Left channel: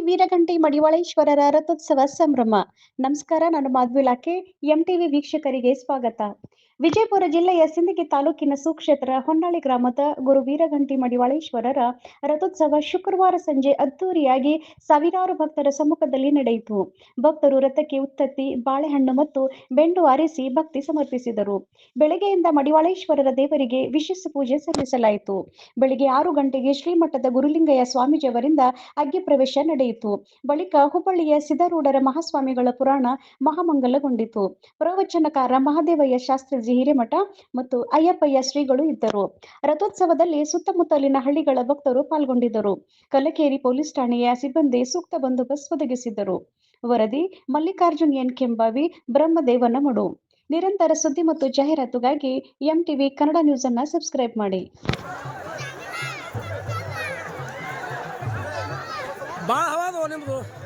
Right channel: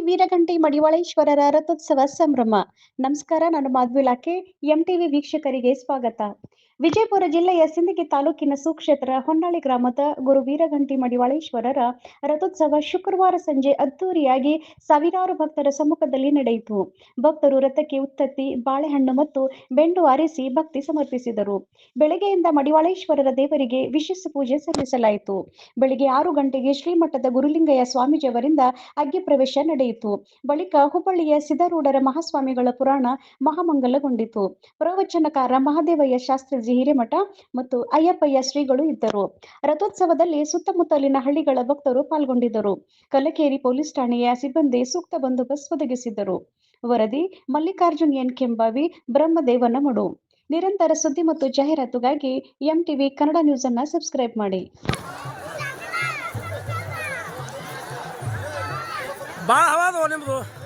ವೀರಗಂಟಿ ಮಡಿವಾಳೇಶ್ವರರ ರಥೋತ್ಸವ ಸಂಭ್ರಮ. ನಮಸ್ಕಾರ ನಾನು ಮಾಧ್ವಿಲಾಕೆ. ಎಂಟಿವಿ ವೀಕ್ಷಕರಿಗೆ ಸ್ವಾಗತ. ವಿಜಯಪುರ ಜಿಲ್ಲೆಯ ಸಿಂದಗಿ ತಾಲೂಕಿನ ಸುಕ್ಷೇತ್ರ ಹೊನ್ನಾಳಿ ಗ್ರಾಮದ ಗುರು ವೀರಗಂಟಿ ಮಡಿವಾಳೇಶ್ವರರ ರಥೋತ್ಸವ ಶುಕ್ರವಾರ ಸಂಜೆ ಅದ್ದೂರಿಯಾಗಿ ಸಾವಿರಾರು ಭಕ್ತರ ಸಮ್ಮುಖದಲ್ಲಿ ನಡೆಯಿತು. ಭಕ್ತರು ರಥಕ್ಕೆ ಉತ್ತತ್ತಿ, ಬಾಳೆಹಣ್ಣು ಮತ್ತು ಬೆಂಡು ಆರಿಸಿ ಭಕ್ತಿ ಸಮರ್ಪಿಸಿದರು. ಬೆಳಗ್ಗೆಯಿಂದ ಮಡಿವಾಳೇಶ್ವರರ ದೇವರಿಗೆ ವಿಶೇಷ ಪೂಜೆ ಸಲ್ಲಿಸಲಾಯಿತು. ಬೆಳಿಗ್ಗೆ ಆರು ಗಂಟೆಗೆ ಶ್ರೀಮಠದ ಗುರುಲಿಂಗಯ್ಯ ಸ್ವಾಮೀಜಿಯವರಿಂದ ಅಗ್ಗಿ ಪ್ರವೇಶ ನಡೆಯಿತು. ಬಳಿಕ ಹುಬ್ಬಳ್ಳಿಯ ಸಿದ್ಧಾರೂಢರ ಮಹಾಸ್ವಾಮಿಗಳ ಪುರಾಣ ಮಹಾಮಂಗಲಗೊಂಡಿತು. ಪ್ರವಚನಕಾರ ಮಹಾದೇವಯ್ಯ ಶಾಸ್ತ್ರಿಜಿ ಹಿರೇಮಠ ಮತ್ತು ಅಯ್ಯಪ್ಪಯ್ಯ ಶ್ರೀಗಳು ಇದ್ದರು. ರಥೋತ್ಸವದಲ್ಲಿ ಸುತ್ತಮುತ್ತಲಿನ ಹಳ್ಳಿಗಳ ಭಕ್ತರು ಪಾಲ್ಗೊಂಡಿದ್ದರು. ಕಲಕೇರಿ ಪೊಲೀಸ್ ಠಾಣೆಯ ಸಿಬ್ಬಂದಿ ಸೂಕ್ತ ಬಂದೋಬಸ್ತ್ ಒದಗಿಸಿದ್ದರು. ವರದಿ, ಮಲ್ಲಿಕಾರ್ಜುನ್ ಎನ್ ಕೆಂಬಾವಿ, ಬ್ರಹ್ಮದೇವನ ಮಡು. ನಿರಂತರ ಸುದ್ದಿ ಮತ್ತು ಜಾಹೀರಾತುಗಾಗಿ ಎಂಟಿವಿ ಕನ್ನಡ ನ್ಯೂಸ್ ಅನ್ನ ಸಬ್ಸ್ಕ್ರೈಬ್ ಮಾಡಿ. ನಿಮ್ಮದು